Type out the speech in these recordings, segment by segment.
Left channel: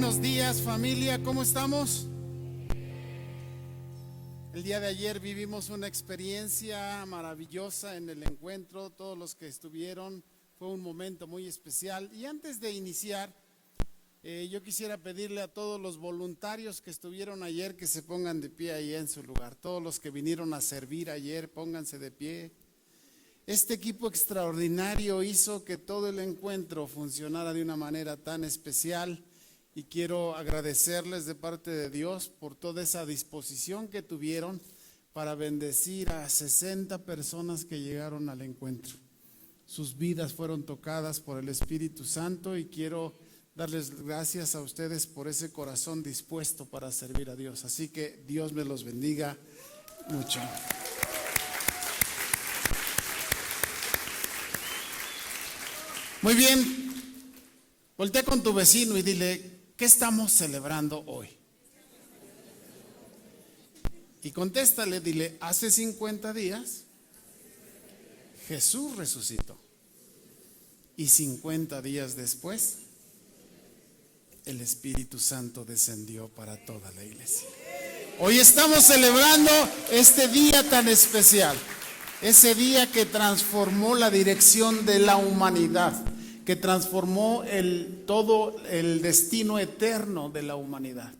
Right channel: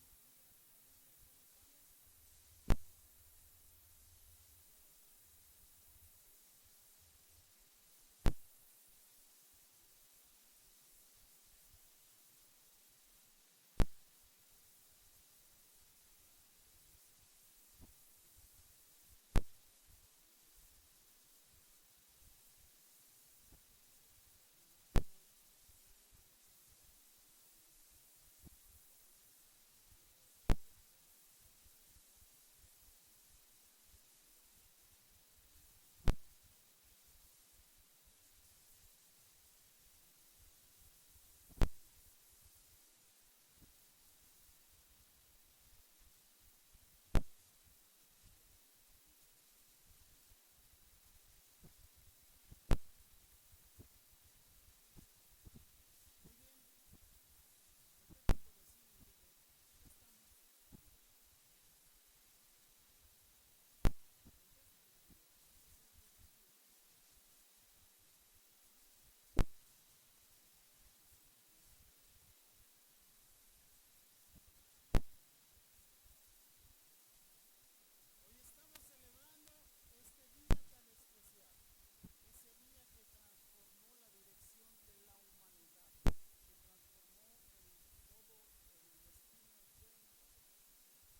Buenos días, familia, ¿cómo estamos? El día de ayer vivimos una experiencia maravillosa en el encuentro. Todos los que estuvieron, fue un momento muy especial. Y antes de iniciar, yo quisiera pedirle a todos los voluntarios que estuvieron ayer que se pongan de pie ahí en su lugar. Todos los que vinieron a servir ayer, pónganse de pie. Este equipo extraordinario hizo que todo el encuentro funcionara de una manera tan especial. Y quiero agradecerles de parte de Dios por toda esa disposición que tuvieron para bendecir a 60 personas que llegaron al encuentro. Sus vidas fueron tocadas por el Espíritu Santo y quiero darles gracias a ustedes por ese corazón dispuesto para servir a Dios. Así que Dios me los bendiga mucho. Muy bien, voltea con tu vecino y dile: ¿qué estamos celebrando hoy? Y contéstale, dile: hace 50 días Jesús resucitó. Y 50 días después, el Espíritu Santo descendió para toda la iglesia. Hoy estamos celebrando este día tan especial. Ese día que transformó la dirección de la humanidad, que transformó todo el destino eterno de la humanidad.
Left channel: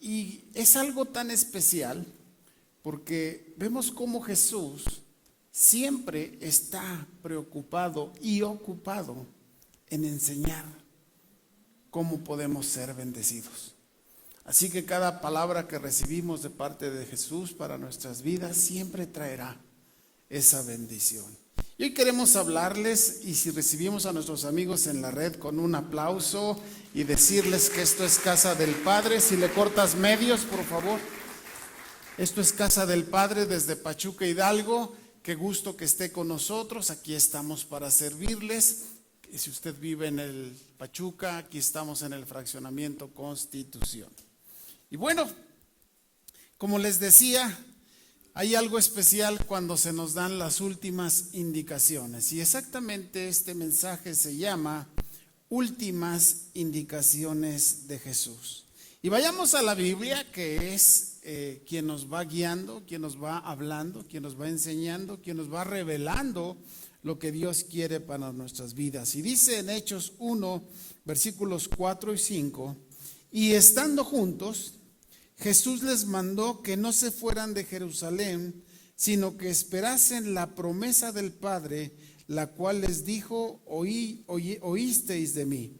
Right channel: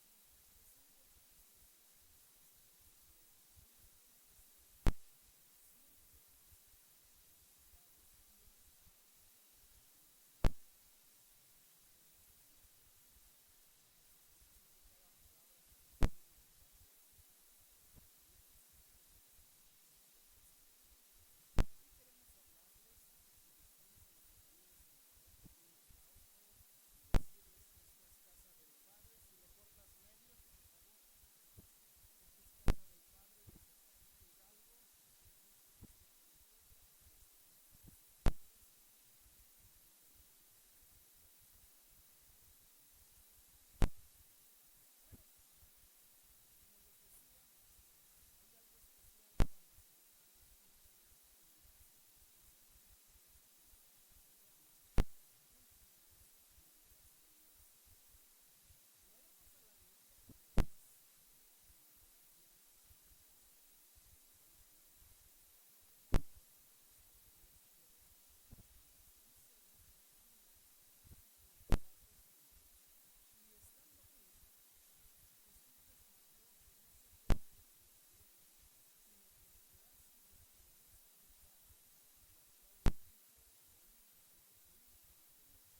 Y es algo tan especial porque vemos cómo Jesús siempre está preocupado y ocupado en enseñar cómo podemos ser bendecidos. Así que cada palabra que recibimos de parte de Jesús para nuestras vidas siempre traerá esa bendición. Y hoy queremos hablarles, y si recibimos a nuestros amigos en la red con un aplauso y decirles que esto es Casa del Padre. Si le cortas medios, por favor. Esto es Casa del Padre desde Pachuca, Hidalgo. Qué gusto que esté con nosotros. Aquí estamos para servirles. Y si usted vive en el Pachuca, aquí estamos en el fraccionamiento Constitución. Y bueno, como les decía, hay algo especial cuando se nos dan las últimas indicaciones. Y exactamente este mensaje se llama Últimas Indicaciones de Jesús. Y vayamos a la Biblia, que es quien nos va guiando, quien nos va hablando, quien nos va enseñando, quien nos va revelando lo que Dios quiere para nuestras vidas. Y dice en Hechos 1, versículos 4 y 5, y estando juntos, Jesús les mandó que no se fueran de Jerusalén, sino que esperasen la promesa del Padre, la cual les dijo: oísteis de mí.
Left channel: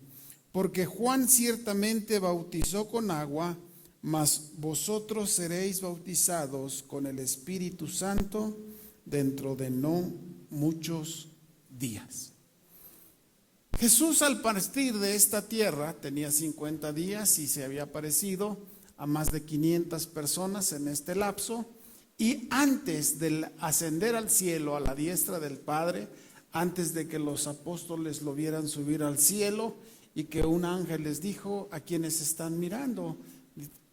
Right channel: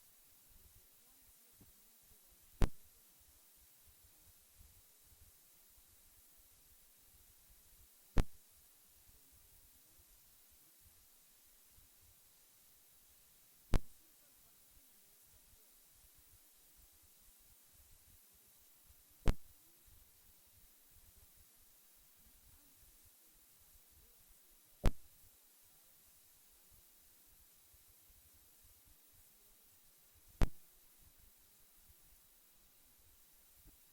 Porque Juan ciertamente bautizó con agua, mas vosotros seréis bautizados con el Espíritu Santo dentro de no muchos días. Jesús, al partir de esta tierra, tenía 50 días y se había aparecido a más de 500 personas en este lapso. Y antes de ascender al cielo a la diestra del Padre, antes de que los apóstoles lo vieran subir al cielo y que un ángel les dijo: a quienes están mirando,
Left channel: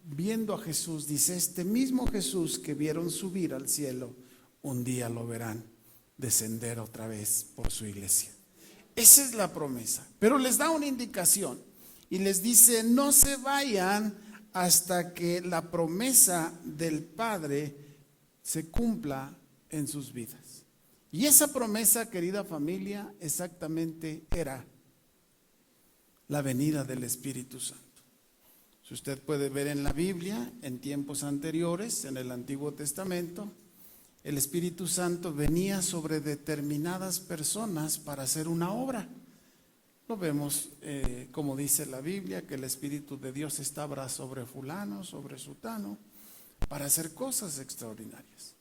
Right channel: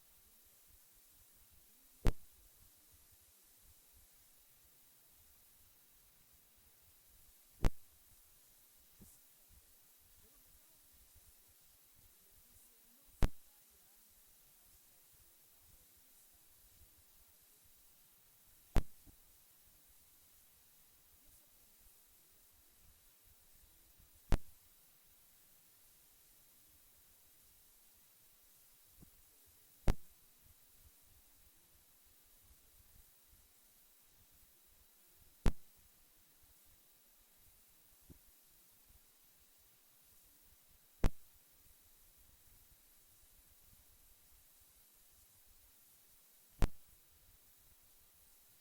viendo a Jesús, dice: este mismo Jesús que vieron subir al cielo, un día lo verán descender otra vez por su iglesia. Esa es la promesa. Pero les da una indicación y les dice: no se vayan hasta que la promesa del Padre se cumpla en sus vidas. Y esa promesa, querida familia, exactamente era la venida del Espíritu Santo. Si usted puede ver en la Biblia, en tiempos anteriores, en el Antiguo Testamento, el Espíritu Santo venía sobre determinadas personas para hacer una obra. Lo vemos como dice la Biblia, que el Espíritu de Dios estaba sobre fulano, sobre sutano, para hacer cosas extraordinarias.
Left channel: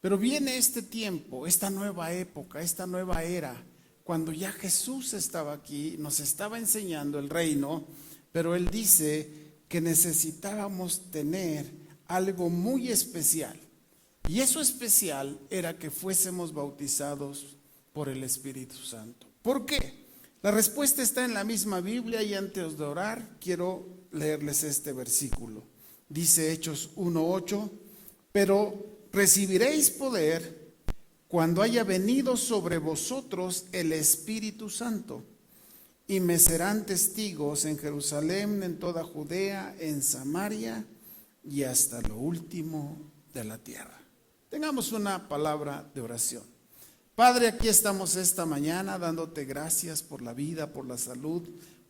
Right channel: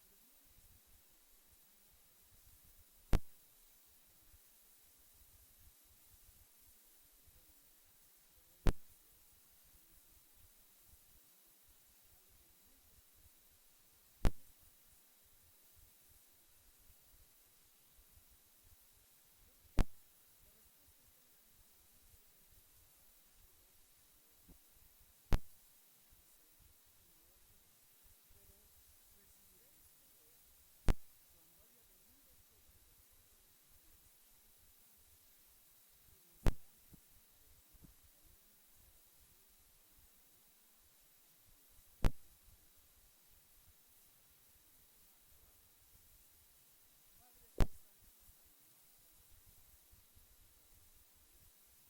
Pero viene este tiempo, esta nueva época, esta nueva era, cuando ya Jesús estaba aquí, nos estaba enseñando el reino, pero Él dice que necesitábamos tener algo muy especial. Y eso especial era que fuésemos bautizados por el Espíritu Santo. ¿Por qué? La respuesta está en la misma Biblia, y antes de orar quiero leerles este versículo. Dice Hechos 1:8, pero recibiréis poder cuando haya venido sobre vosotros el Espíritu Santo, y me serán testigos en Jerusalén, en toda Judea, en Samaria y hasta lo último de la tierra. Tengamos una palabra de oración. Padre, aquí estamos esta mañana dándote gracias por la vida, por la salud,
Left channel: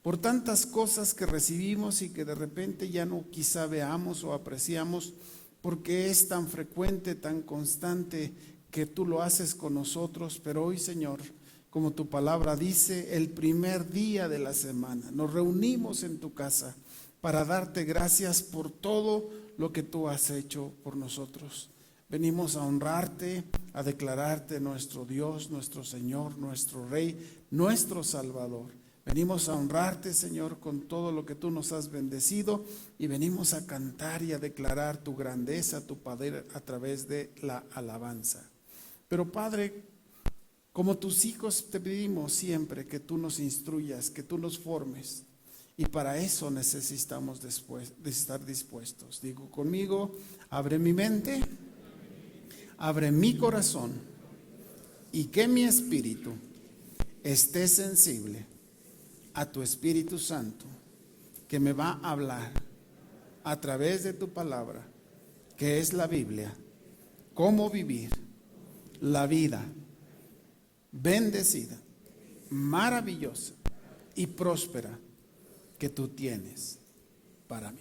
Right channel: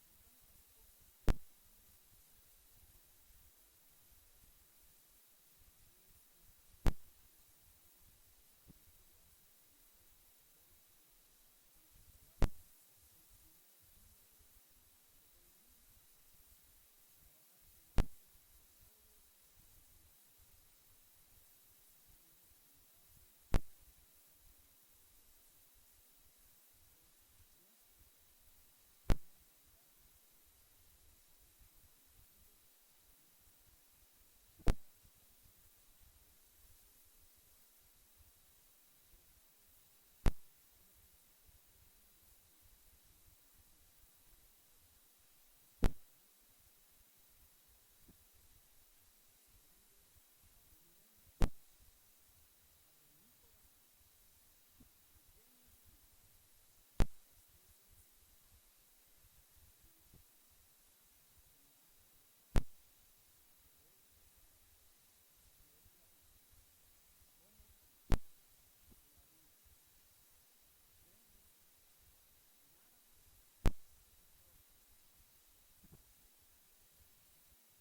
por tantas cosas que recibimos y que de repente ya no quizá veamos o apreciamos, porque es tan frecuente, tan constante que tú lo haces con nosotros. Pero hoy, Señor, como tu palabra dice, el primer día de la semana nos reunimos en tu casa para darte gracias por todo lo que tú has hecho por nosotros. Venimos a honrarte, a declararte nuestro Dios, nuestro Señor, nuestro Rey, nuestro Salvador. Venimos a honrarte, Señor, con todo lo que tú nos has bendecido, y venimos a cantar y a declarar tu grandeza, tu poder a través de la alabanza. Pero Padre, como tus hijos te pedimos siempre que tú nos instruyas, que tú nos formes, y para eso necesitamos de estar dispuestos. Digo conmigo: abre mi mente, abre mi corazón, y que mi espíritu esté sensible a tu Espíritu Santo, que me va a hablar a través de tu palabra, que es la Biblia, cómo vivir la vida bendecida, maravillosa y próspera que tú tienes para mí.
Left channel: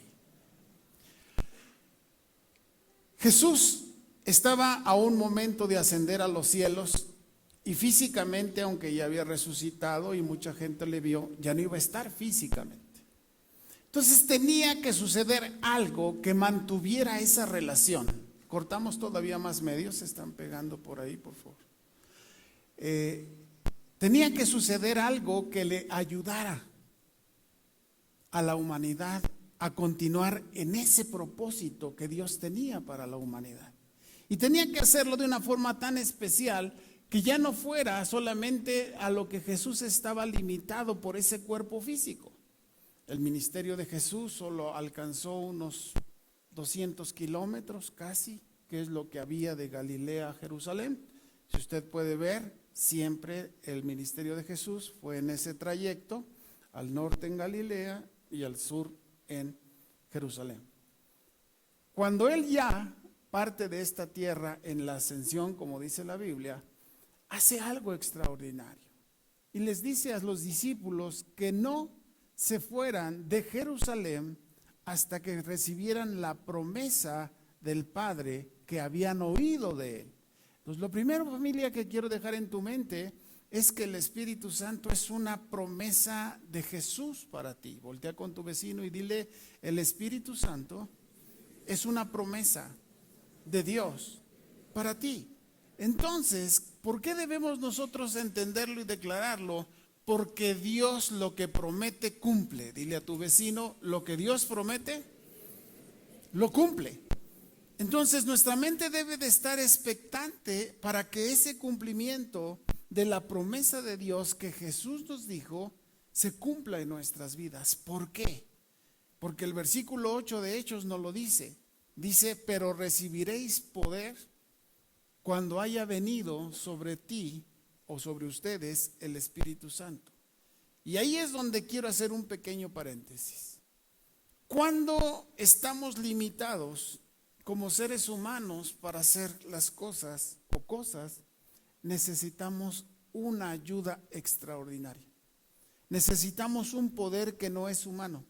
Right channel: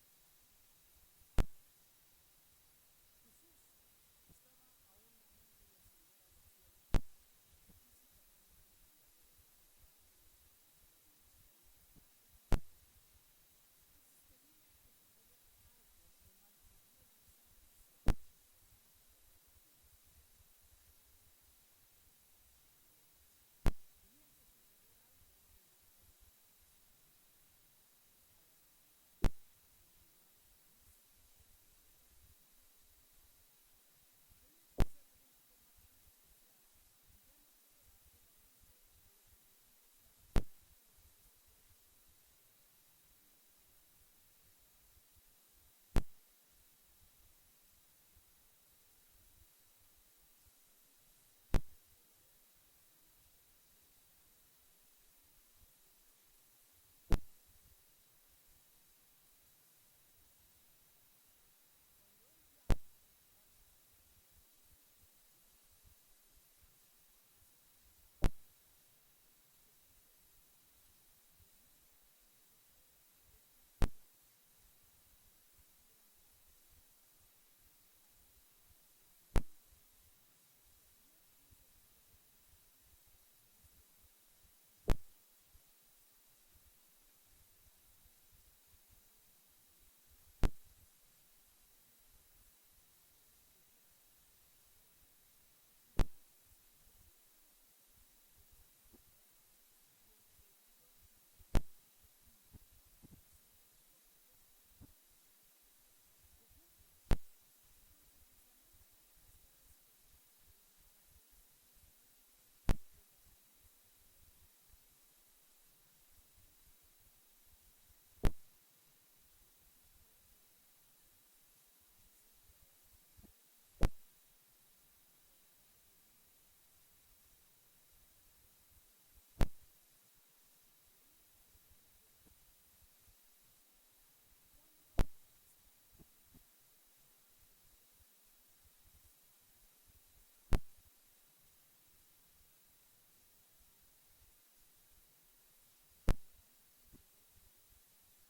Jesús estaba a un momento de ascender a los cielos, y físicamente, aunque ya había resucitado y mucha gente le vio, ya no iba a estar físicamente. Entonces tenía que suceder algo que mantuviera esa relación. Cortamos todavía más medios, se están pegando por ahí, por favor. Tenía que suceder algo que le ayudara a la humanidad a continuar en ese propósito que Dios tenía para la humanidad. Y tenía que hacerlo de una forma tan especial que ya no fuera solamente a lo que Jesús estaba limitado por ese cuerpo físico. El ministerio de Jesús solo alcanzó unos 200 kilómetros casi, que es lo que había de Galilea a Jerusalén. Si usted puede ver, siempre el ministerio de Jesús fue en ese trayecto, al norte en Galilea y al sur en Jerusalén. Cuando él ya parte de esta tierra en la ascensión, como dice la Biblia, hace algo extraordinario y les dice a los discípulos que no se fueran de Jerusalén hasta que recibieran la promesa del Padre que habían oído de él. Entonces, lo primero, familia, que quiero dejar en tu mente es que el Espíritu Santo es una promesa de Jesús para ti. Voltea con tu vecino y dile: el Espíritu Santo es una promesa de Dios para ti. Entonces, ¿por qué debemos nosotros entenderlo y declararlo? Porque Dios lo que promete cumple. Dile a tu vecino: lo que Dios promete, lo cumple. Entonces nuestra mente debe de estar expectante para que ese cumplimiento de la promesa de Dios que Jesús nos dijo se cumpla en nuestras vidas. ¿Por qué? Porque el versículo 8 de Hechos nos lo dice. Dice: pero recibiréis poder cuando haya venido sobre ti o sobre ustedes el Espíritu Santo. Y ahí es donde quiero hacer un pequeño paréntesis. Cuando estamos limitados como seres humanos para hacer las cosas o cosas, necesitamos una ayuda extraordinaria. Necesitamos un poder que no es humano.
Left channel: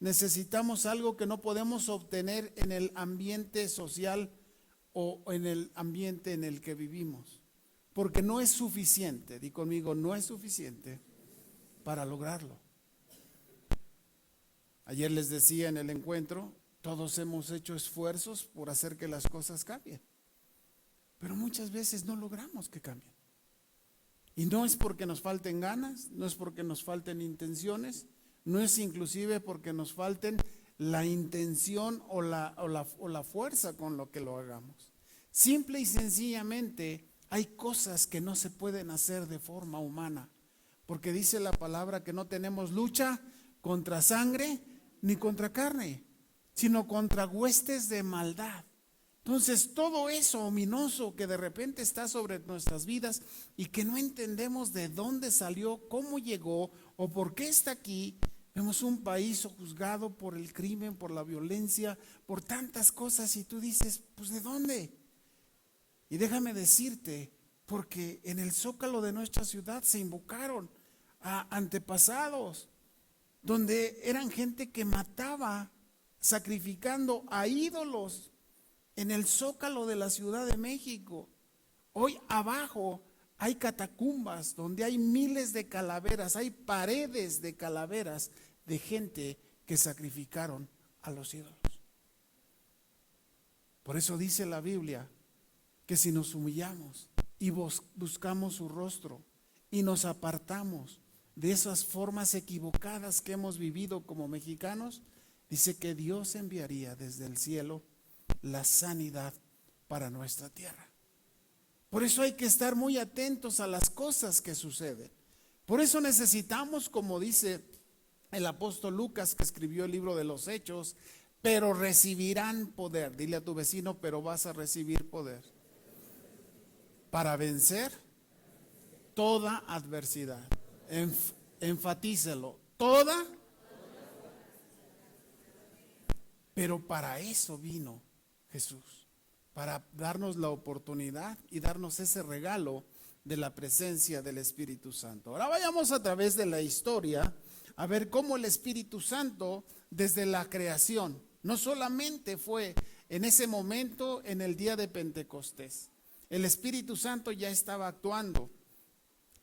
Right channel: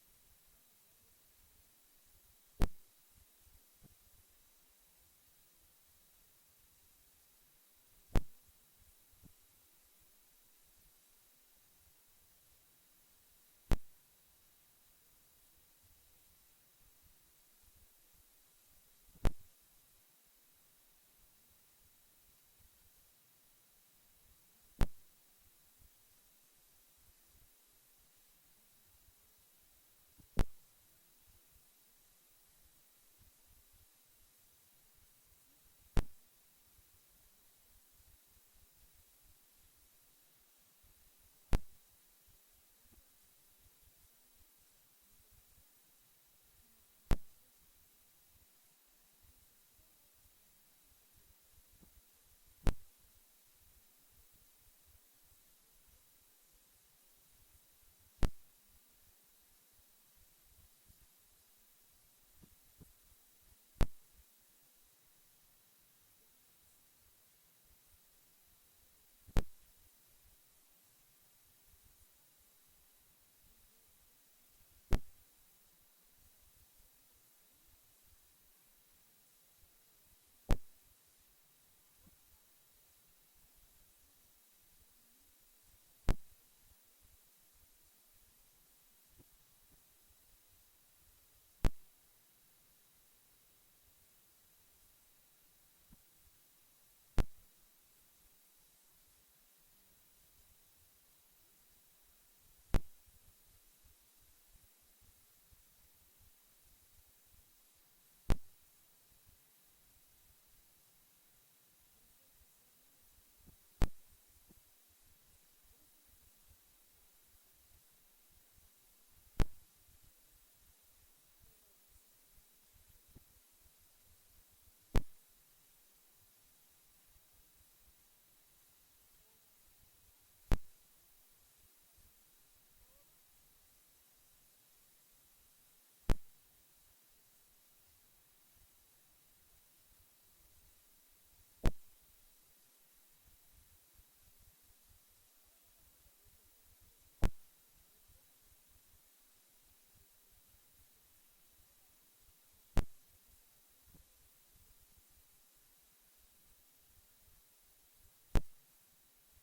Necesitamos algo que no podemos obtener en el ambiente social o en el ambiente en el que vivimos, porque no es suficiente. Di conmigo: no es suficiente para lograrlo. Ayer les decía en el encuentro, todos hemos hecho esfuerzos por hacer que las cosas cambien, pero muchas veces no logramos que cambien. Y no es porque nos falten ganas, no es porque nos falten intenciones, no es inclusive porque nos falten la intención o la fuerza con lo que lo hagamos. Simple y sencillamente hay cosas que no se pueden hacer de forma humana, porque dice la palabra que no tenemos lucha contra sangre ni contra carne, sino contra huestes de maldad. Entonces, todo eso ominoso que de repente está sobre nuestras vidas y que no entendemos de dónde salió, cómo llegó o por qué está aquí. Vemos un país sojuzgado por el crimen, por la violencia, por tantas cosas, y tú dices, pues ¿de dónde? Y déjame decirte, porque en el zócalo de nuestra ciudad se invocaron a antepasados, donde eran gente que mataba sacrificando a ídolos en el zócalo de la Ciudad de México. Hoy abajo hay catacumbas donde hay miles de calaveras, hay paredes de calaveras de gente que sacrificaron a los ídolos. Por eso dice la Biblia que si nos humillamos y buscamos su rostro y nos apartamos de esas formas equivocadas que hemos vivido como mexicanos, dice que Dios enviaría desde el cielo la sanidad para nuestra tierra. Por eso hay que estar muy atentos a las cosas que suceden. Por eso necesitamos, como dice el apóstol Lucas, que escribió el libro de los Hechos, pero recibirán poder. Dile a tu vecino, pero vas a recibir poder para vencer toda adversidad. Enfatícelo, toda. Pero para eso vino Jesús, para darnos la oportunidad y darnos ese regalo de la presencia del Espíritu Santo. Ahora vayamos a través de la historia a ver cómo el Espíritu Santo desde la creación, no solamente fue en ese momento en el día de Pentecostés, el Espíritu Santo ya estaba actuando.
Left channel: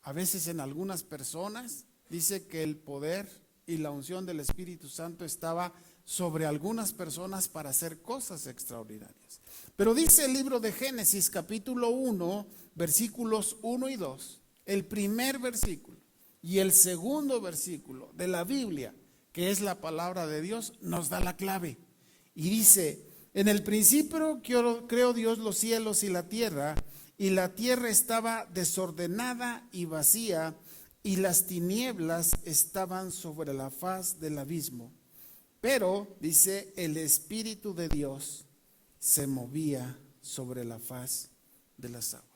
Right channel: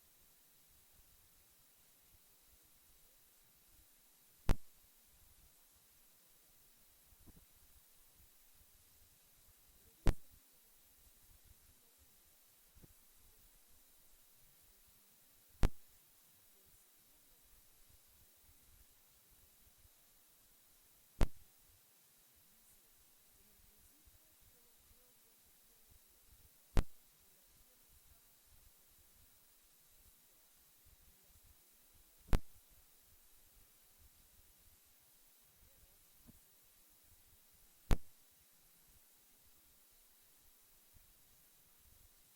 A veces en algunas personas dice que el poder y la unción del Espíritu Santo estaba sobre algunas personas para hacer cosas extraordinarias. Pero dice el libro de Génesis capítulo 1, versículos 1 y 2, el primer versículo y el segundo versículo de la Biblia, que es la palabra de Dios, nos da la clave. Y dice, en el principio creó Dios los cielos y la tierra estaba desordenada y vacía, y las tinieblas estaban sobre la faz del abismo. Pero, dice, el Espíritu de Dios se movía sobre la faz de las aguas.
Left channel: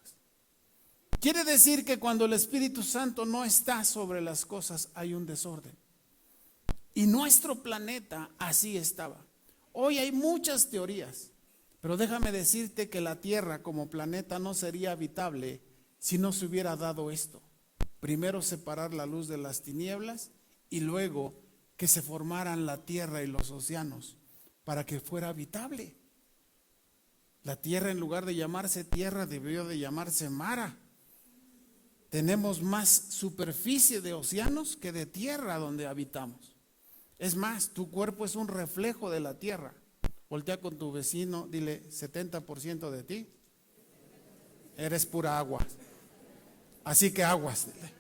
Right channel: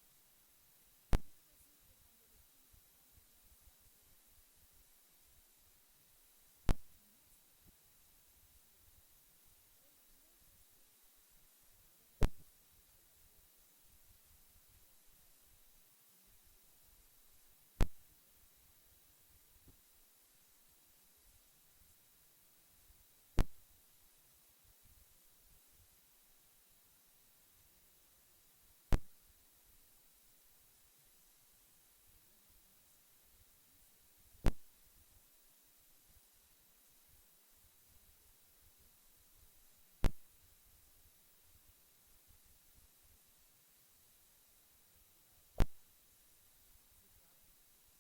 Quiere decir que cuando el Espíritu Santo no está sobre las cosas, hay un desorden. Y nuestro planeta así estaba. Hoy hay muchas teorías, pero déjame decirte que la Tierra como planeta no sería habitable si no se hubiera dado esto. Primero separar la luz de las tinieblas y luego que se formaran la tierra y los océanos para que fuera habitable. La tierra, en lugar de llamarse tierra, debió de llamarse mara. Tenemos más superficie de océanos que de tierra donde habitamos. Es más, tu cuerpo es un reflejo de la tierra. Voltea con tu vecino, dile, 70% de ti eres pura agua. Así que aguas. Dile.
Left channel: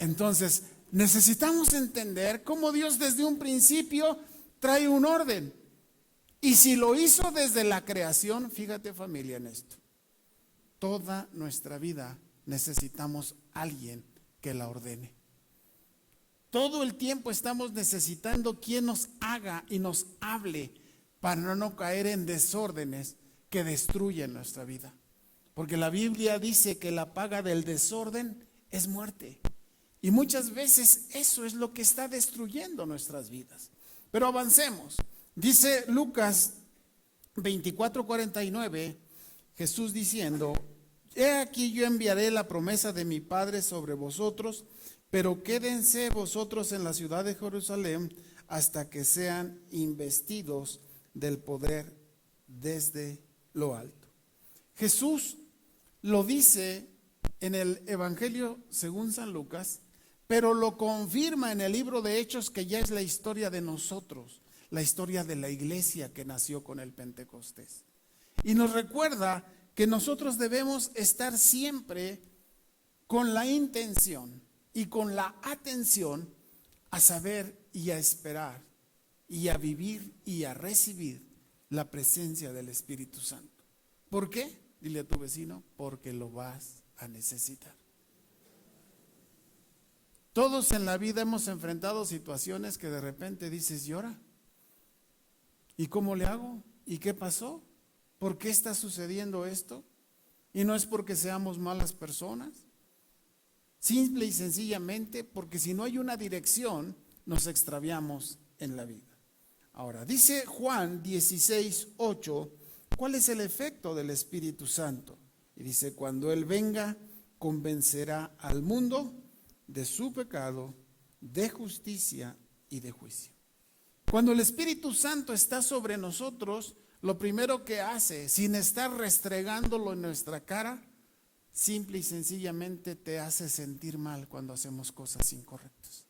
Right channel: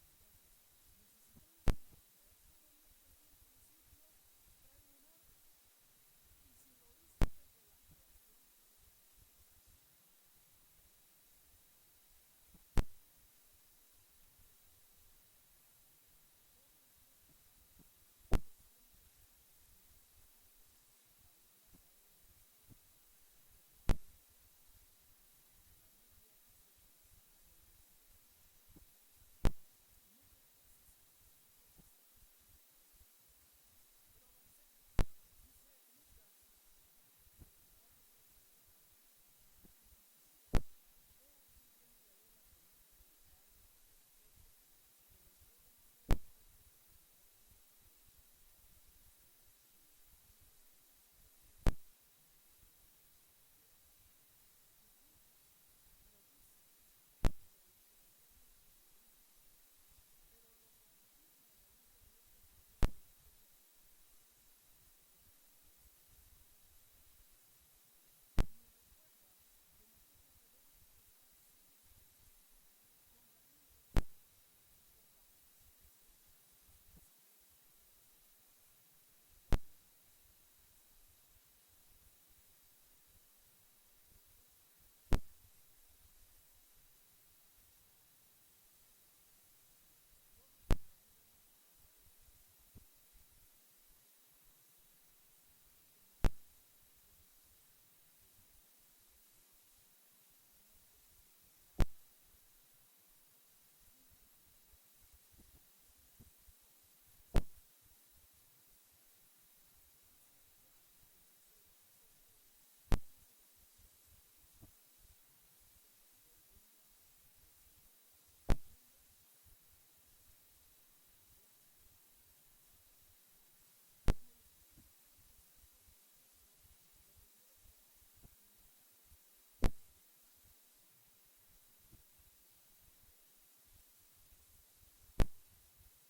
Entonces, necesitamos entender cómo Dios desde un principio trae un orden. Y si lo hizo desde la creación, fíjate familia en esto, toda nuestra vida necesitamos alguien que la ordene. Todo el tiempo estamos necesitando quien nos haga y nos hable para no caer en desórdenes que destruyen nuestra vida. Porque la Biblia dice que la paga del desorden es muerte. Y muchas veces eso es lo que está destruyendo nuestras vidas. Pero avancemos. Dice Lucas 24:49, Jesús diciendo, he aquí yo enviaré la promesa de mi Padre sobre vosotros, pero quédense vosotros en la ciudad de Jerusalén hasta que sean investidos del poder desde lo alto. Jesús lo dice en el Evangelio según San Lucas, pero lo confirma en el libro de Hechos, que ya es la historia de nosotros, la historia de la iglesia que nació con el Pentecostés. Y nos recuerda que nosotros debemos estar siempre con la intención y con la atención a saber y a esperar y a vivir y a recibir la presencia del Espíritu Santo. ¿Por qué? Dile a tu vecino, porque lo vas a necesitar. Todos en la vida hemos enfrentado situaciones que de repente dices, ¿y ahora? ¿Y cómo le hago? ¿Y qué pasó? ¿Por qué está sucediendo esto? Y no es porque seamos malas personas, Simple y sencillamente porque si no hay una dirección, nos extraviamos en la vida. Ahora, dice Juan 16:8, ¿cuál es el efecto del Espíritu Santo? Y dice, cuando Él venga, convencerá al mundo de su pecado, de justicia y de juicio. Cuando el Espíritu Santo está sobre nosotros, lo primero que hace, sin estar restregándolo en nuestra cara, simple y sencillamente te hace sentir mal cuando hacemos cosas incorrectas.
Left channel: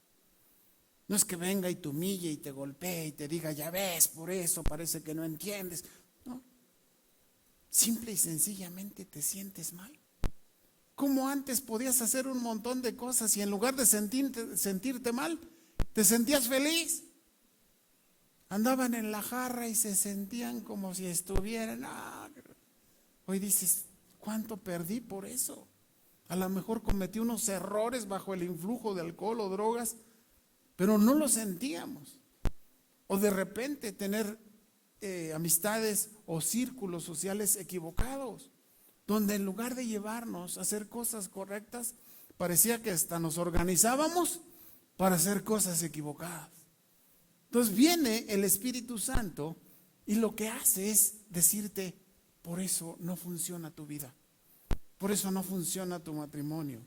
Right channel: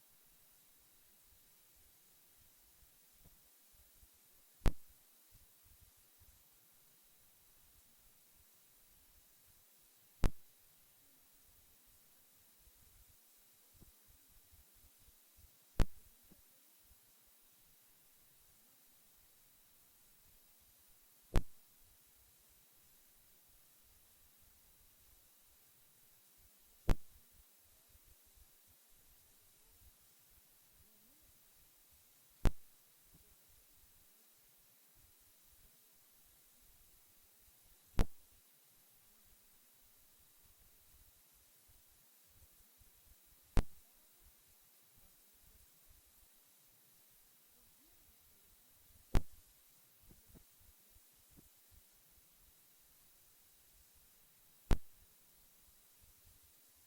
No es que venga y te humille y te golpee y te diga, ya ves, por eso parece que no entiendes. No, simple y sencillamente te sientes mal. Como antes podías hacer un montón de cosas y en lugar de sentirte mal, te sentías feliz. Andaban en la jarra y se sentían como si estuvieran. Hoy dices, ¿cuánto perdí por eso? A lo mejor cometí unos errores bajo el influjo de alcohol o drogas, pero no lo sentíamos. O de repente tener amistades o círculos sociales equivocados, donde en lugar de llevarnos a hacer cosas correctas, parecía que hasta nos organizábamos para hacer cosas equivocadas. Entonces viene el Espíritu Santo y lo que hace es decirte, por eso no funciona tu vida, por eso no funciona tu matrimonio,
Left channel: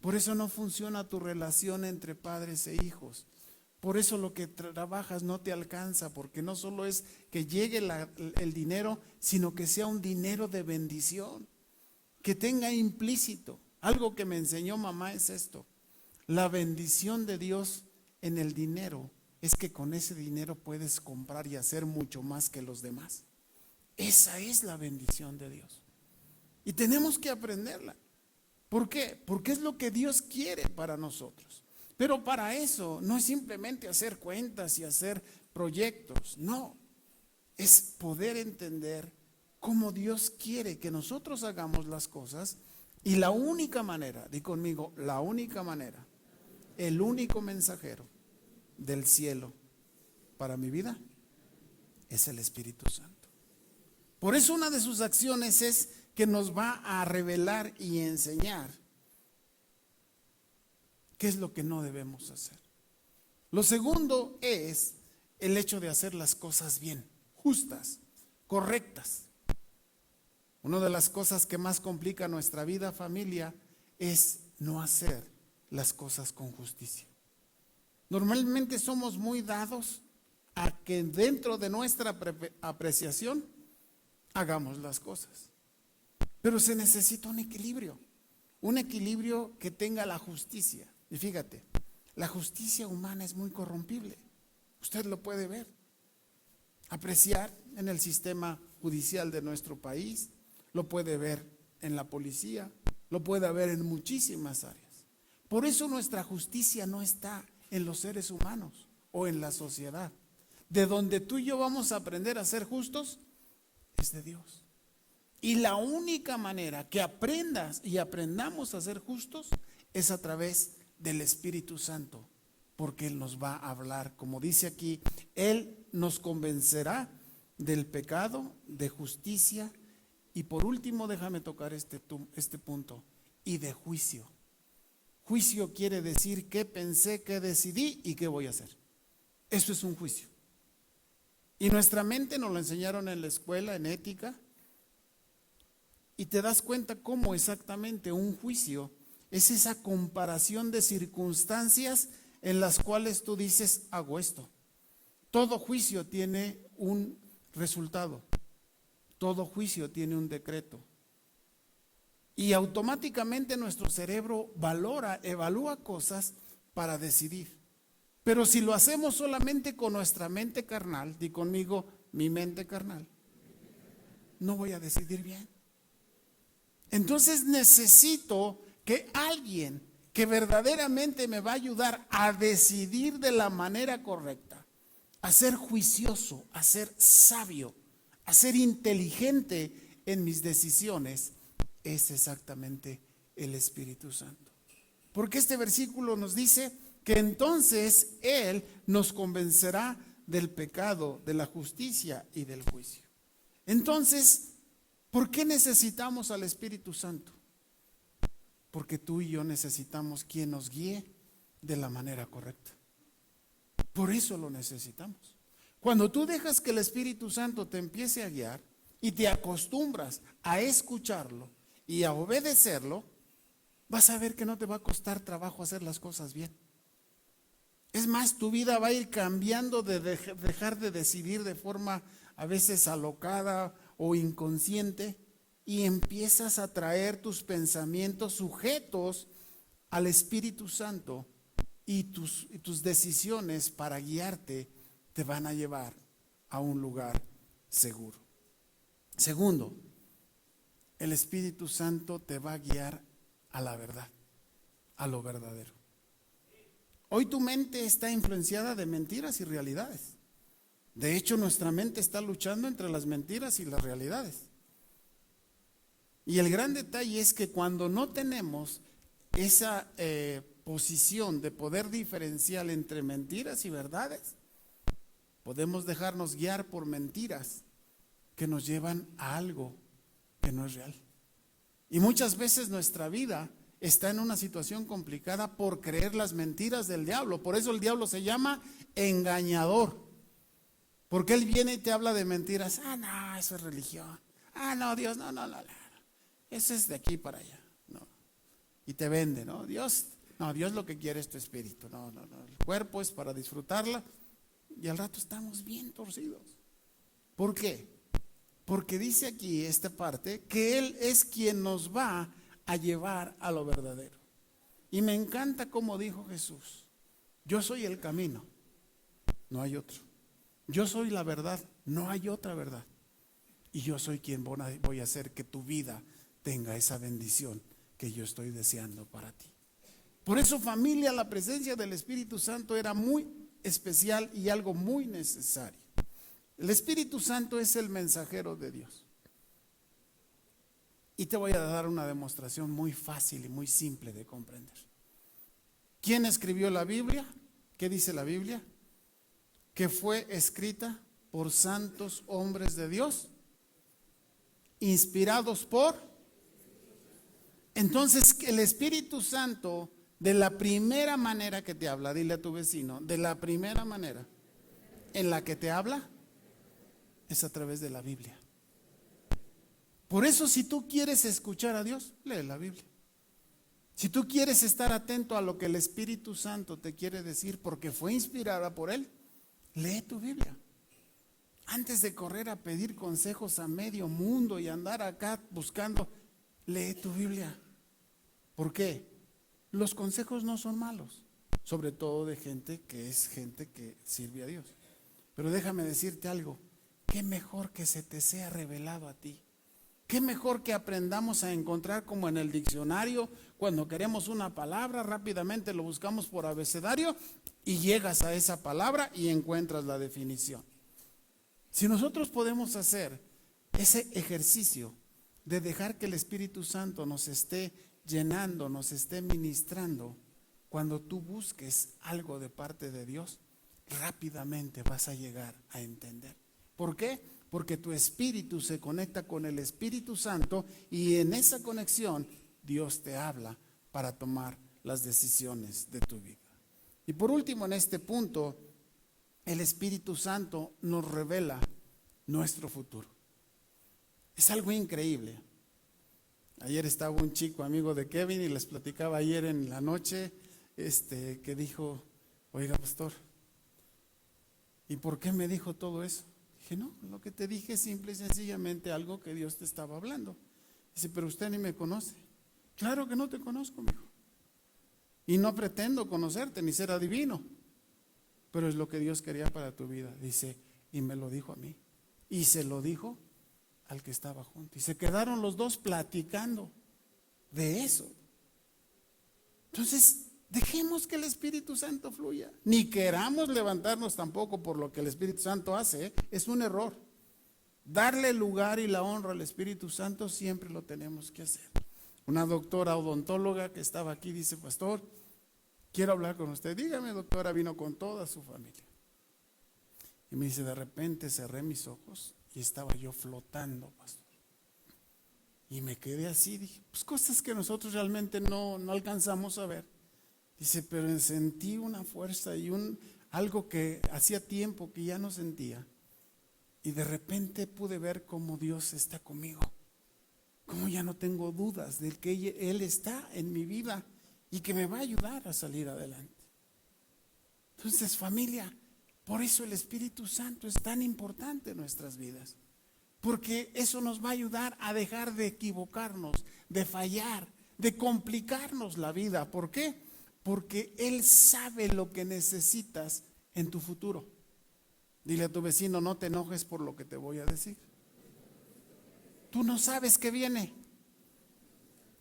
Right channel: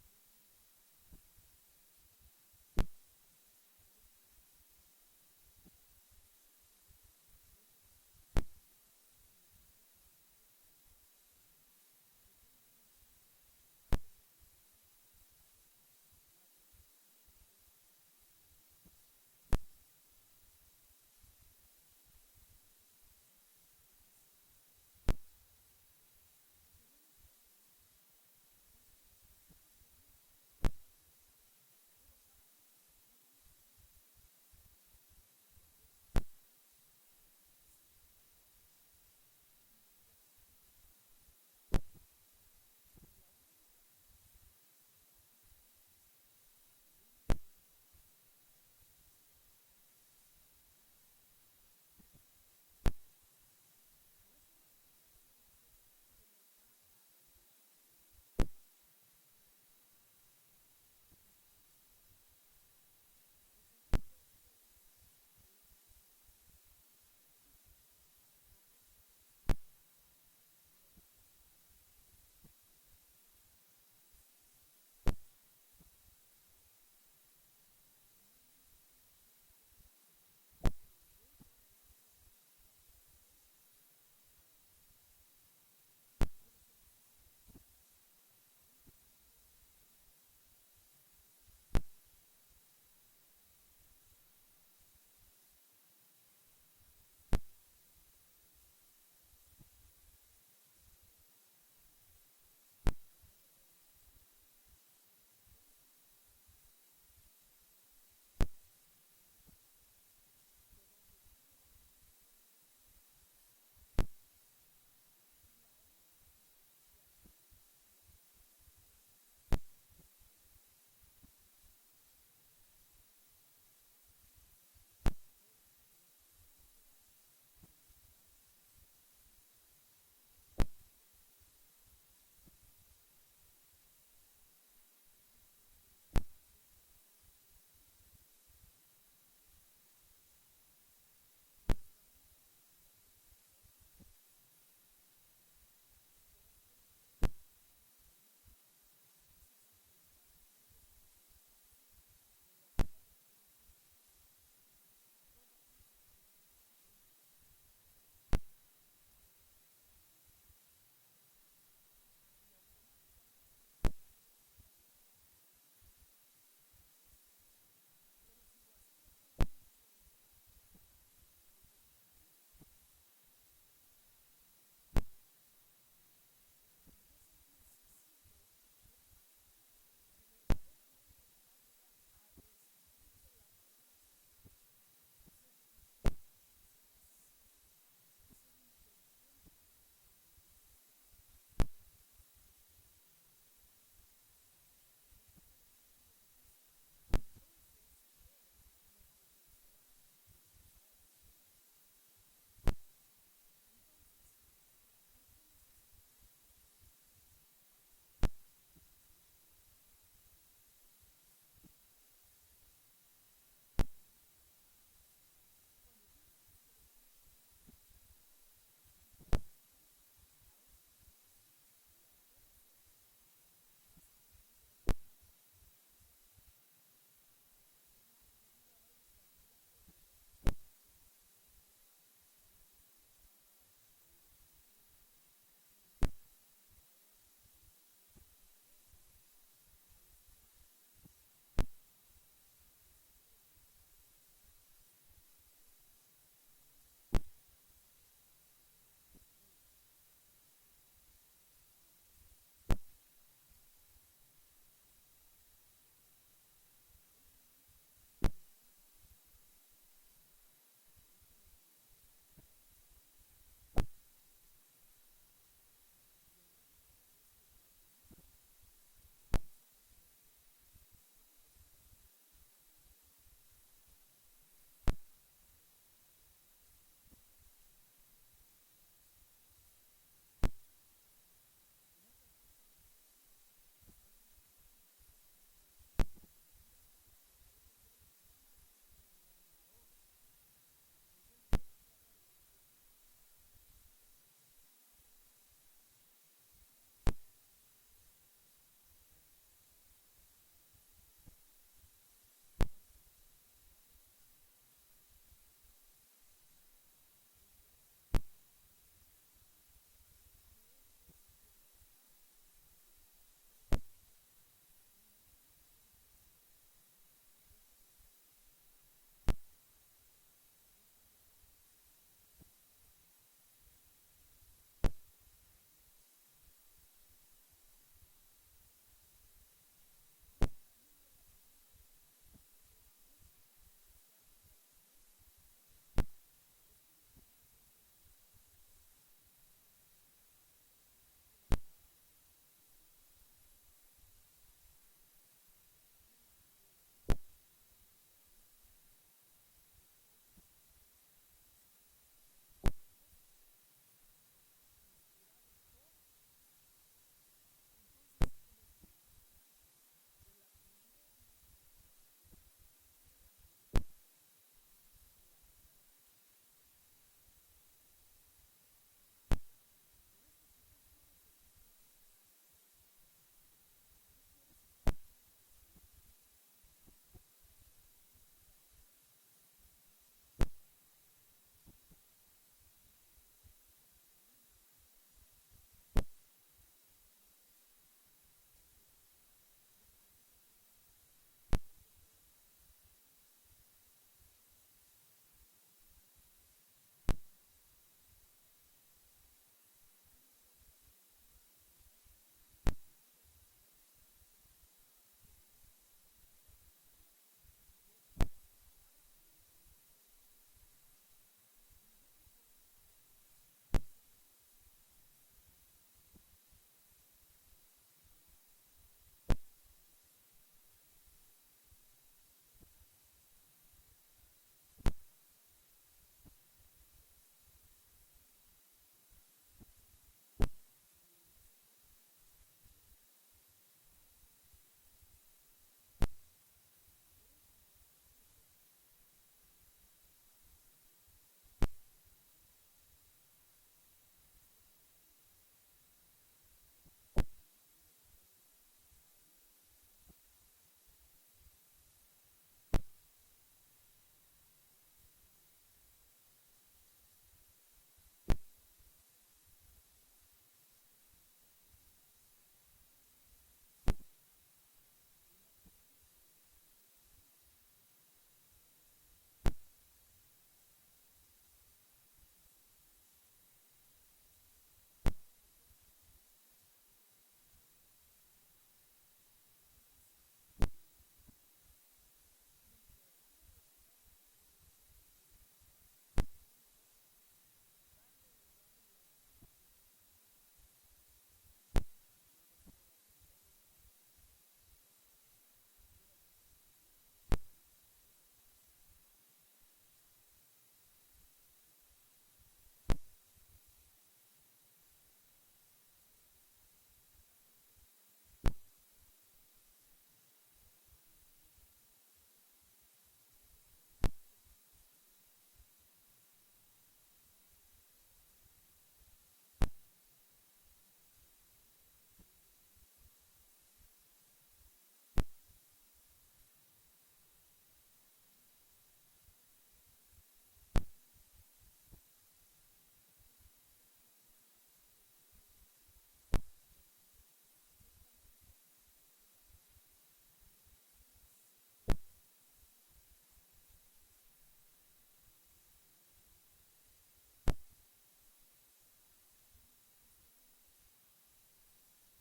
por eso no funciona tu relación entre padres e hijos, por eso lo que trabajas no te alcanza, porque no solo es que llegue el dinero, sino que sea un dinero de bendición, que tenga implícito. Algo que me enseñó mamá es esto: la bendición de Dios en el dinero es que con ese dinero puedes comprar y hacer mucho más que los demás. Esa es la bendición de Dios. Y tenemos que aprenderla. ¿Por qué? Porque es lo que Dios quiere para nosotros. Pero para eso no es simplemente hacer cuentas y hacer proyectos. No, es poder entender cómo Dios quiere que nosotros hagamos las cosas. Y la única manera, di conmigo, la única manera, el único mensajero del cielo para mi vida es el Espíritu Santo. Por eso una de sus acciones es que nos va a revelar y enseñar qué es lo que no debemos hacer. Lo segundo es el hecho de hacer las cosas bien, justas, correctas. Una de las cosas que más complica nuestra vida, familia, es no hacer las cosas con justicia. Normalmente somos muy dados a que dentro de nuestra apreciación hagamos las cosas. Pero se necesita un equilibrio que tenga la justicia. Y fíjate, la justicia humana es muy corrompible. Usted lo puede ver, apreciar en el sistema judicial de nuestro país, lo puede ver en la policía, lo puede ver en muchísimas áreas. Por eso nuestra justicia no está en los seres humanos o en la sociedad. De donde tú y yo vamos a aprender a ser justos es de Dios. Y la única manera que aprendas y aprendamos a ser justos es a través del Espíritu Santo, porque Él nos va a hablar, como dice aquí, Él nos convencerá del pecado, de justicia y por último, déjame tocar este punto, y de juicio. Juicio quiere decir qué pensé, qué decidí y qué voy a hacer. Eso es un juicio. Y nuestra mente nos lo enseñaron en la escuela, en ética, y te das cuenta cómo exactamente un juicio es esa comparación de circunstancias en las cuales tú dices, hago esto. Todo juicio tiene un resultado, todo juicio tiene un decreto. Y automáticamente nuestro cerebro evalúa cosas para decidir. Pero si lo hacemos solamente con nuestra mente carnal, di conmigo, mi mente carnal, no voy a decidir bien. Entonces necesito que alguien que verdaderamente me va a ayudar a decidir de la manera correcta, a ser juicioso, a ser sabio, a ser inteligente en mis decisiones, es exactamente el Espíritu Santo. Porque este versículo nos dice que entonces Él nos convencerá del pecado, de la justicia y del juicio. Entonces, ¿por qué necesitamos al Espíritu Santo? Porque tú y yo necesitamos quien nos guíe de la manera correcta. Por eso lo necesitamos. Cuando tú dejas que el Espíritu Santo te empiece a guiar y te acostumbras a escucharlo y a obedecerlo, vas a ver que no te va a costar trabajo hacer las cosas bien. Es más, tu vida va a ir cambiando de dejar de decidir de forma a veces alocada o inconsciente, y empiezas a traer tus pensamientos sujetos al Espíritu Santo, y tus decisiones para guiarte te van a llevar a un lugar seguro. Segundo, el Espíritu Santo te va a guiar a la verdad, a lo verdadero. Hoy tu mente está influenciada de mentiras y realidades. De hecho, nuestra mente está luchando entre las mentiras y las realidades. Y el gran detalle es que cuando no tenemos esa posición de poder diferenciar entre mentiras y verdades, podemos dejarnos guiar por mentiras que nos llevan a algo que no es real. Y muchas veces nuestra vida está en una situación complicada por creer las mentiras del diablo. Por eso el diablo se llama engañador, porque él viene y te habla de mentiras. Ah, no, eso es religión. Ah, no, Dios, no, eso es de aquí para allá. No. Y te vende, ¿no? Dios lo que quiere es tu espíritu. No. El cuerpo es para disfrutarla, y al rato estamos bien torcidos. ¿Por qué? Porque dice aquí esta parte que Él es quien nos va a llevar a lo verdadero. Y me encanta como dijo Jesús: yo soy el camino, no hay otro. Yo soy la verdad, no hay otra verdad. Y yo soy quien voy a hacer que tu vida tenga esa bendición que yo estoy deseando para ti. Por eso, familia, la presencia del Espíritu Santo era muy especial y algo muy necesario. El Espíritu Santo es el mensajero de Dios. Y te voy a dar una demostración muy fácil y muy simple de comprender. ¿Quién escribió la Biblia? ¿Qué dice la Biblia? Que fue escrita por santos hombres de Dios, inspirados por. Entonces, el Espíritu Santo, de la primera manera que te habla, dile a tu vecino, de la primera manera en la que te habla es a través de la Biblia. Por eso, si tú quieres escuchar a Dios, lee la Biblia. Si tú quieres estar atento a lo que el Espíritu Santo te quiere decir, porque fue inspirada por Él, lee tu Biblia. Antes de correr a pedir consejos a medio mundo y andar acá buscando, lee tu Biblia. ¿Por qué? Los consejos no son malos, sobre todo de gente que sirve a Dios. Pero déjame decirte algo: qué mejor que se te sea revelado a ti. Qué mejor que aprendamos a encontrar, como en el diccionario, cuando queremos una palabra, rápidamente lo buscamos por abecedario y llegas a esa palabra y encuentras la definición. Si nosotros podemos hacer ese ejercicio de dejar que el Espíritu Santo nos esté llenando, nos esté ministrando, cuando tú busques algo de parte de Dios, rápidamente vas a llegar a entender. ¿Por qué? Porque tu espíritu se conecta con el Espíritu Santo, y en esa conexión Dios te habla para tomar las decisiones de tu vida. Y por último, en este punto, el Espíritu Santo nos revela nuestro futuro. Es algo increíble. Ayer estaba un chico amigo de Kevin y les platicaba ayer en la noche que dijo: oiga, pastor, ¿y por qué me dijo todo eso? Dije: no, lo que te dije es simple y sencillamente algo que Dios te estaba hablando. Dice: pero usted ni me conoce. Claro que no te conozco, mijo. Y no pretendo conocerte ni ser adivino, pero es lo que Dios quería para tu vida. Dice: y me lo dijo a mí. Y se lo dijo al que estaba junto. Y se quedaron los dos platicando de eso. Entonces, dejemos que el Espíritu Santo fluya. Ni queramos levantarnos tampoco por lo que el Espíritu Santo hace, ¿eh? Es un error. Darle el lugar y la honra al Espíritu Santo siempre lo tenemos que hacer. Una doctora odontóloga que estaba aquí dice: pastor, quiero hablar con usted. Dígame, doctora. Vino con toda su familia. Y me dice: de repente cerré mis ojos y estaba yo flotando, pastor. Y me quedé así, dije, pues cosas que nosotros realmente no alcanzamos a ver. Dice, pero sentí una fuerza y algo que hacía tiempo que ya no sentía. Y de repente pude ver cómo Dios está conmigo. Cómo ya no tengo dudas de que Él está en mi vida y que me va a ayudar a salir adelante. Entonces, familia, por eso el Espíritu Santo es tan importante en nuestras vidas. Porque eso nos va a ayudar a dejar de equivocarnos, de fallar, de complicarnos la vida. ¿Por qué? Porque Él sabe lo que necesitas en tu futuro. Dile a tu vecino, no te enojes por lo que te voy a decir. Tú no sabes qué viene.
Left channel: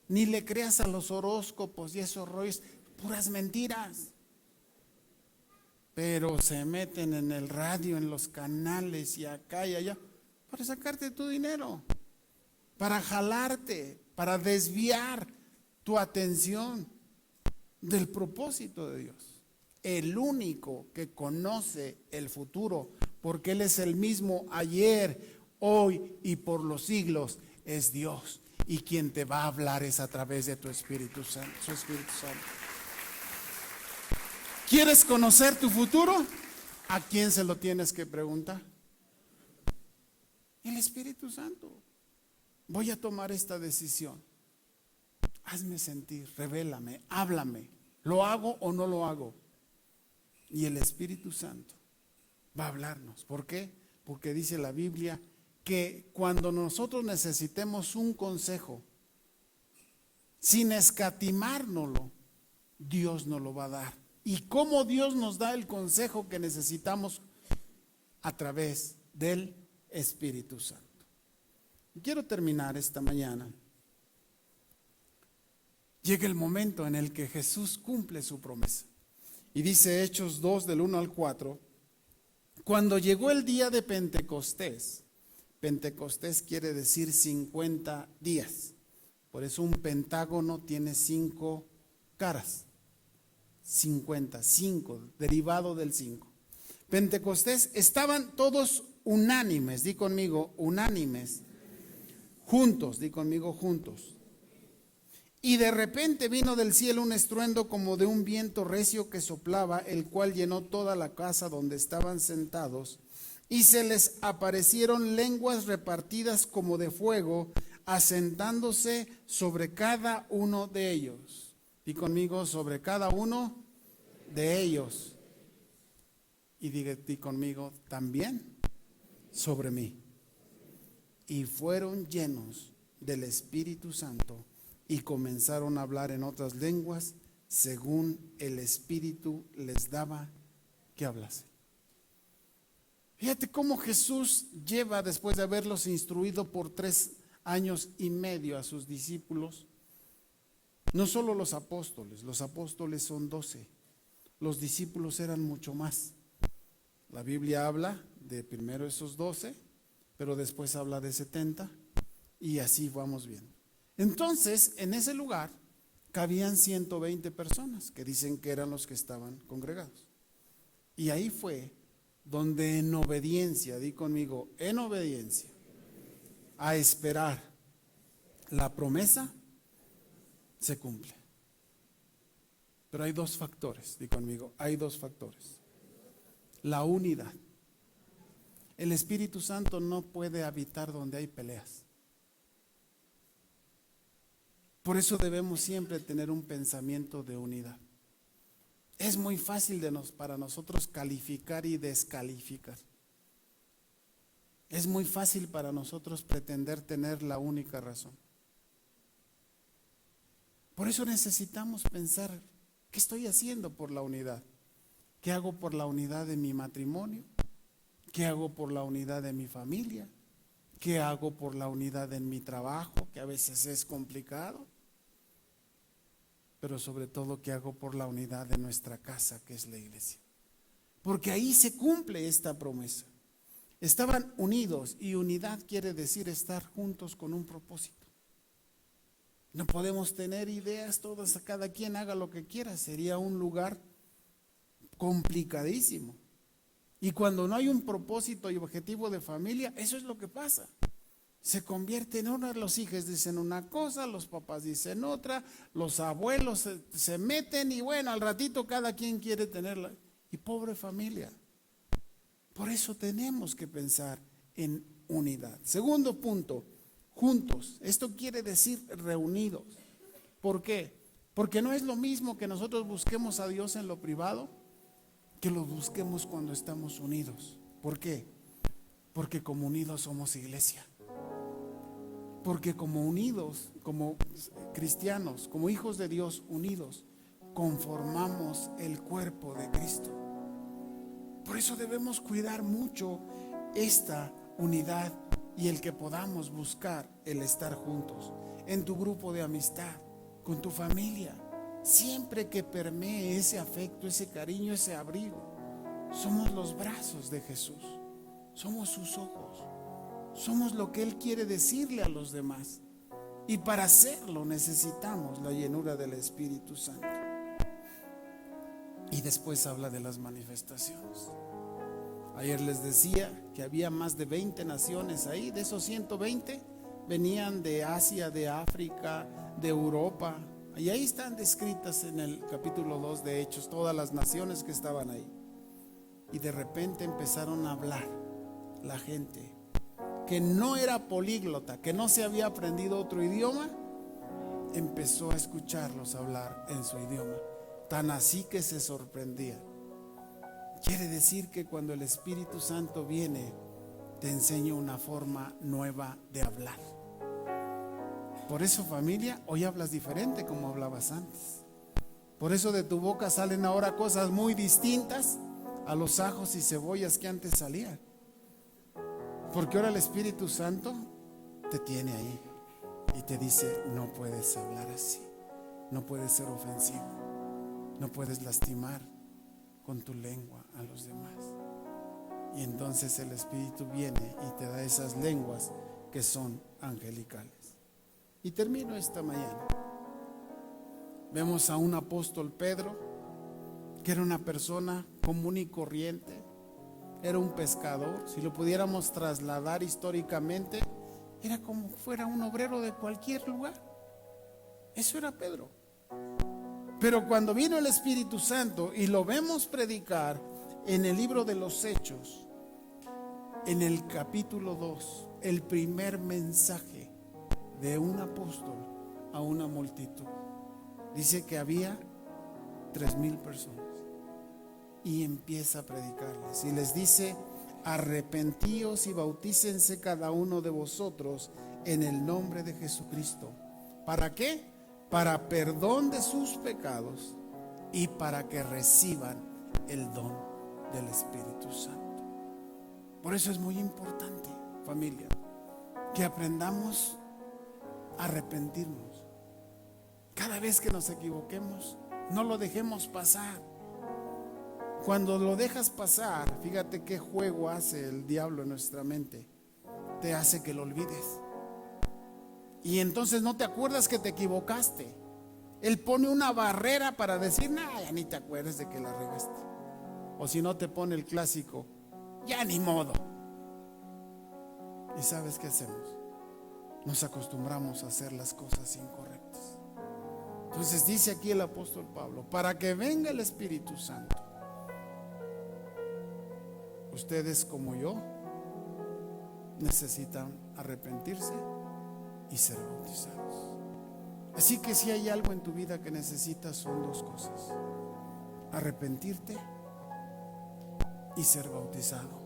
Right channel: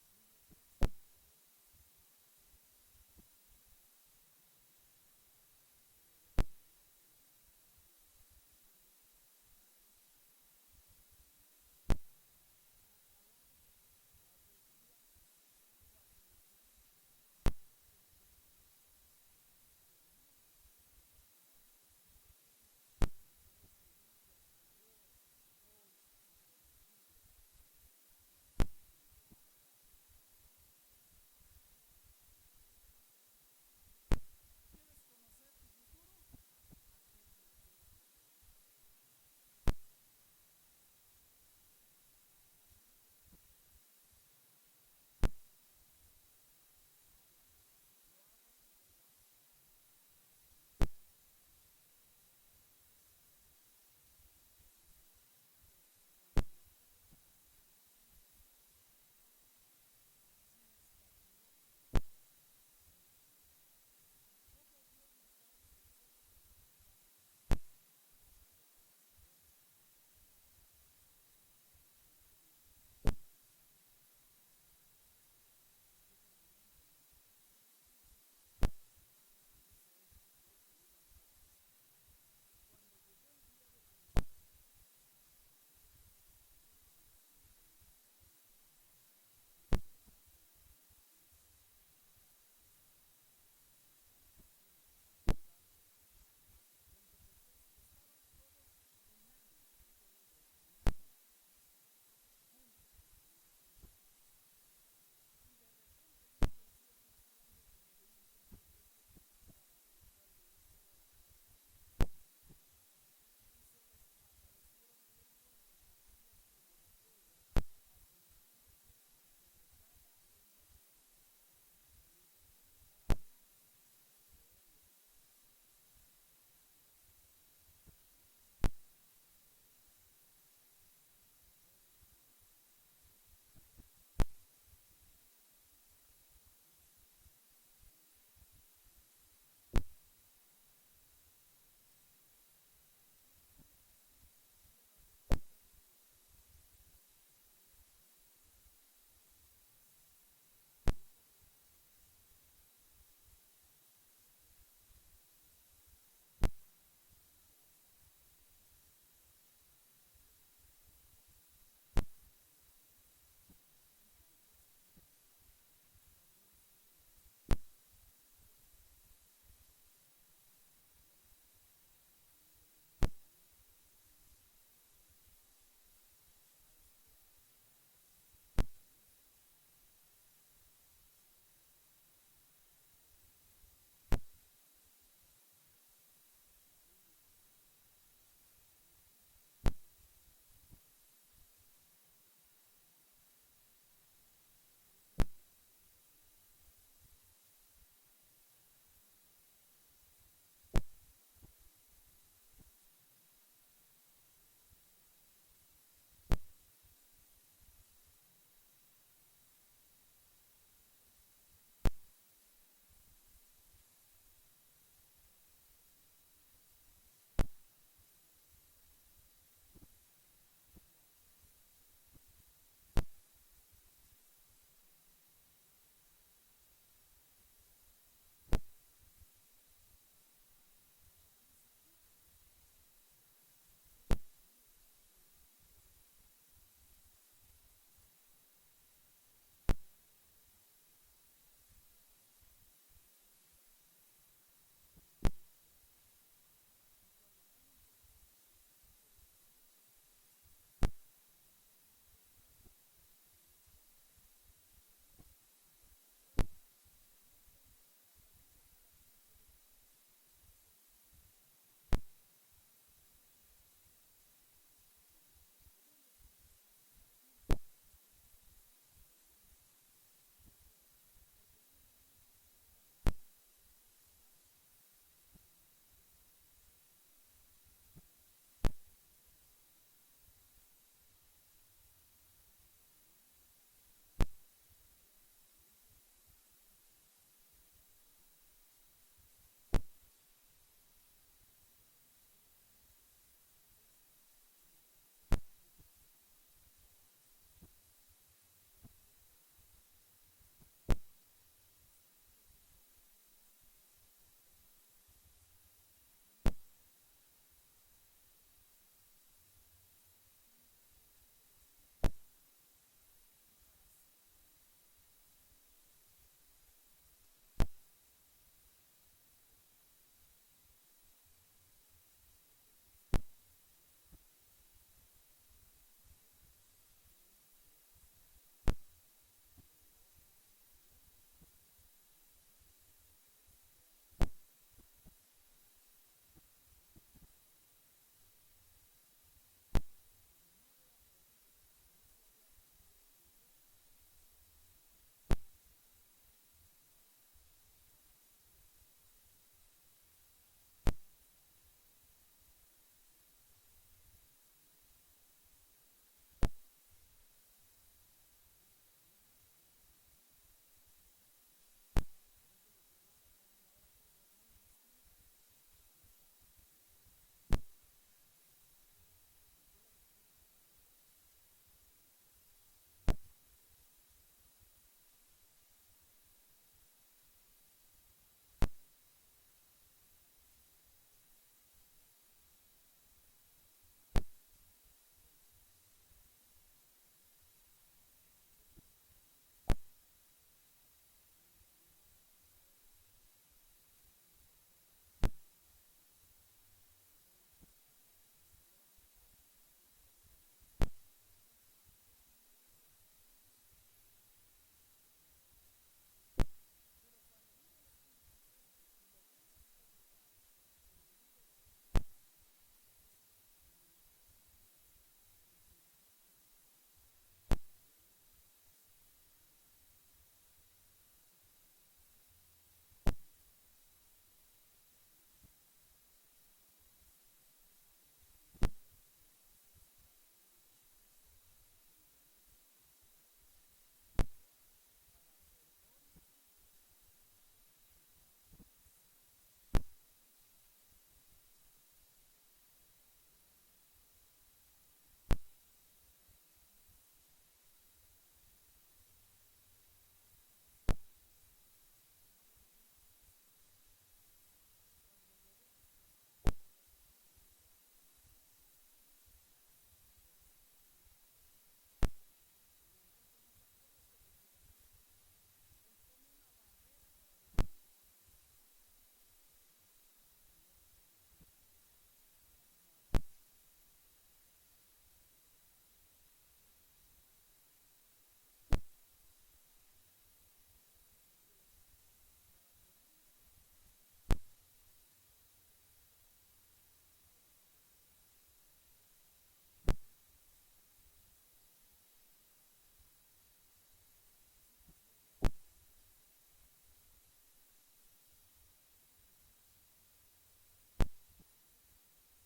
Ni le creas a los horóscopos y esos rollos, puras mentiras. Pero se meten en el radio, en los canales y acá y allá, para sacarte tu dinero, para jalarte, para desviar tu atención del propósito de Dios. El único que conoce el futuro, porque Él es el mismo ayer, hoy y por los siglos, es Dios. Y quien te va a hablar es a través de tu Espíritu Santo, su Espíritu Santo. ¿Quieres conocer tu futuro? ¿A quién se lo tienes que preguntar? El Espíritu Santo. Voy a tomar esta decisión. Hazme sentir, revélame, háblame. ¿Lo hago o no lo hago? Y el Espíritu Santo va a hablarnos. ¿Por qué? Porque dice la Biblia que cuando nosotros necesitemos un consejo, sin escatimárnoslo, Dios nos lo va a dar. ¿Y cómo Dios nos da el consejo que necesitamos? A través del Espíritu Santo. Quiero terminar esta mañana. Llega el momento en el que Jesús cumple su promesa. Y dice Hechos 2 del 1 al 4, cuando llegó el día de Pentecostés, Pentecostés quiere decir 50 días. Por eso un pentágono tiene 5 caras. 50, 5, derivado del 5. Pentecostés, estaban todos unánimes, di conmigo, unánimes, juntos, di conmigo, juntos. Y de repente vino del cielo un estruendo como de un viento recio que soplaba, el cual llenó toda la casa donde estaban sentados, y se les aparecieron lenguas repartidas como de fuego, asentándose sobre cada uno de ellos. Y conmigo, sobre cada uno de ellos. Y di conmigo, también sobre mí. Y fueron llenos del Espíritu Santo y comenzaron a hablar en otras lenguas según el Espíritu les daba que hablase. Fíjate cómo Jesús lleva, después de haberlos instruido por 3 años y medio a sus discípulos, no solo los apóstoles son 12, los discípulos eran mucho más. La Biblia habla de primero esos 12, pero después habla de 70 y así vamos viendo. Entonces, en ese lugar cabían 120 personas que dicen que eran los que estaban congregados. Y ahí fue donde en obediencia, di conmigo, en obediencia, a esperar la promesa, se cumple. Pero hay 2 factores, di conmigo, hay 2 factores. La unidad. El Espíritu Santo no puede habitar donde hay peleas. Por eso debemos siempre tener un pensamiento de unidad. Es muy fácil para nosotros calificar y descalificar. Es muy fácil para nosotros pretender tener la única razón. Por eso necesitamos pensar, ¿qué estoy haciendo por la unidad? ¿Qué hago por la unidad de mi matrimonio? ¿Qué hago por la unidad de mi familia? ¿Qué hago por la unidad en mi trabajo, que a veces es complicado? Pero sobre todo, ¿qué hago por la unidad de nuestra casa, que es la iglesia? Porque ahí se cumple esta promesa. Estaban unidos, y unidad quiere decir estar juntos con un propósito. No podemos tener ideas todas, cada quien haga lo que quiera, sería un lugar complicadísimo. Y cuando no hay un propósito y objetivo de familia, eso es lo que pasa. Se convierte en una, los hijos dicen una cosa, los papás dicen otra, los abuelos se meten y bueno, al ratito cada quien quiere tenerla. Y pobre familia. Por eso tenemos que pensar en unidad. Segundo punto, juntos. Esto quiere decir reunidos. ¿Por qué? Porque no es lo mismo que nosotros busquemos a Dios en lo privado que lo busquemos cuando estamos unidos. ¿Por qué? Porque como unidos somos iglesia. Porque como unidos, como cristianos, como hijos de Dios unidos, conformamos el cuerpo de Cristo. Por eso debemos cuidar mucho esta unidad y el que podamos buscar el estar juntos en tu grupo de amistad, con tu familia, siempre que permee ese afecto, ese cariño, ese abrigo. Somos los brazos de Jesús, somos sus ojos, somos lo que Él quiere decirle a los demás, y para hacerlo necesitamos la llenura del Espíritu Santo. Y después habla de las manifestaciones. Ayer les decía que había más de 20 naciones ahí. De esos 120 venían de Asia, de África, de Europa. Y ahí están descritas en el capítulo 2 de Hechos todas las naciones que estaban ahí. Y de repente empezaron a hablar la gente que no era políglota, que no se había aprendido otro idioma, empezó a escucharlos hablar en su idioma. Tan así que se sorprendía. Quiere decir que cuando el Espíritu Santo viene, te enseña una forma nueva de hablar. Por eso, familia, hoy hablas diferente como hablabas antes. Por eso de tu boca salen ahora cosas muy distintas a los ajos y cebollas que antes salían. Porque ahora el Espíritu Santo te tiene ahí y te dice: no puedes hablar así, no puedes ser ofensivo, no puedes lastimar con tu lengua a los demás. Y entonces el Espíritu viene y te da esas lenguas que son angelicales. Y termino esta mañana. Vemos a un apóstol Pedro, que era una persona común y corriente, era un pescador. Si lo pudiéramos trasladar históricamente, era como fuera un obrero de cualquier lugar. Eso era Pedro. Pero cuando vino el Espíritu Santo y lo vemos predicar en el libro de los Hechos, en el capítulo 2, el primer mensaje de un apóstol a una multitud, dice que había 3,000 personas y empieza a predicarles y les dice: arrepentíos y bautícense cada uno de vosotros en el nombre de Jesucristo. ¿Para qué? Para perdón de sus pecados y para que reciban el don del Espíritu Santo. Por eso es muy importante, familia, que aprendamos a arrepentirnos. Cada vez que nos equivoquemos, no lo dejemos pasar. Cuando lo dejas pasar, fíjate qué juego hace el diablo en nuestra mente. Te hace que lo olvides. Y entonces no te acuerdas que te equivocaste. Él pone una barrera para decir: ya ni te acuerdas de que la regaste. O si no, te pone el clásico: ya ni modo. ¿Y sabes qué hacemos? Nos acostumbramos a hacer las cosas incorrectas. Entonces dice aquí el apóstol Pablo: para que venga el Espíritu Santo, ustedes como yo necesitan arrepentirse y ser bautizados. Así que si hay algo en tu vida que necesitas, son dos cosas: arrepentirte y ser bautizado.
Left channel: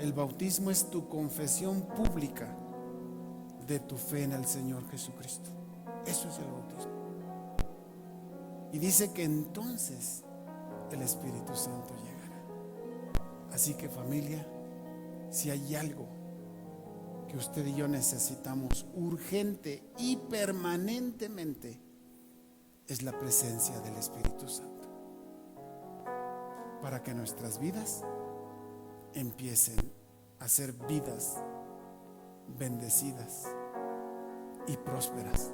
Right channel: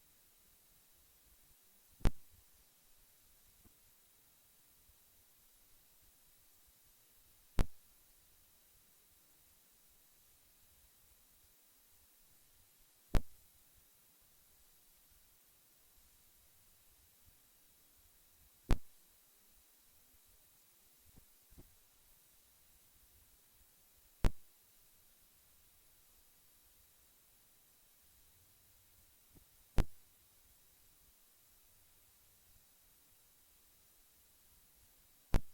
El bautismo es tu confesión pública de tu fe en el Señor Jesucristo. Eso es el bautismo. Y dice que entonces el Espíritu Santo llegará. Así que, familia, si hay algo que usted y yo necesitamos urgente y permanentemente, es la presencia del Espíritu Santo, para que nuestras vidas empiecen a ser vidas bendecidas y prósperas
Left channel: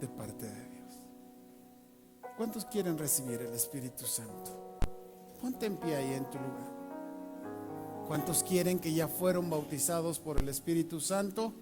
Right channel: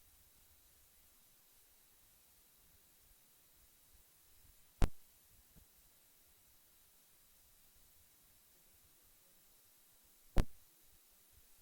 de parte de Dios. ¿Cuántos quieren recibir el Espíritu Santo? Ponte en pie ahí en tu lugar. ¿Cuántos quieren que ya fueron bautizados por el Espíritu Santo?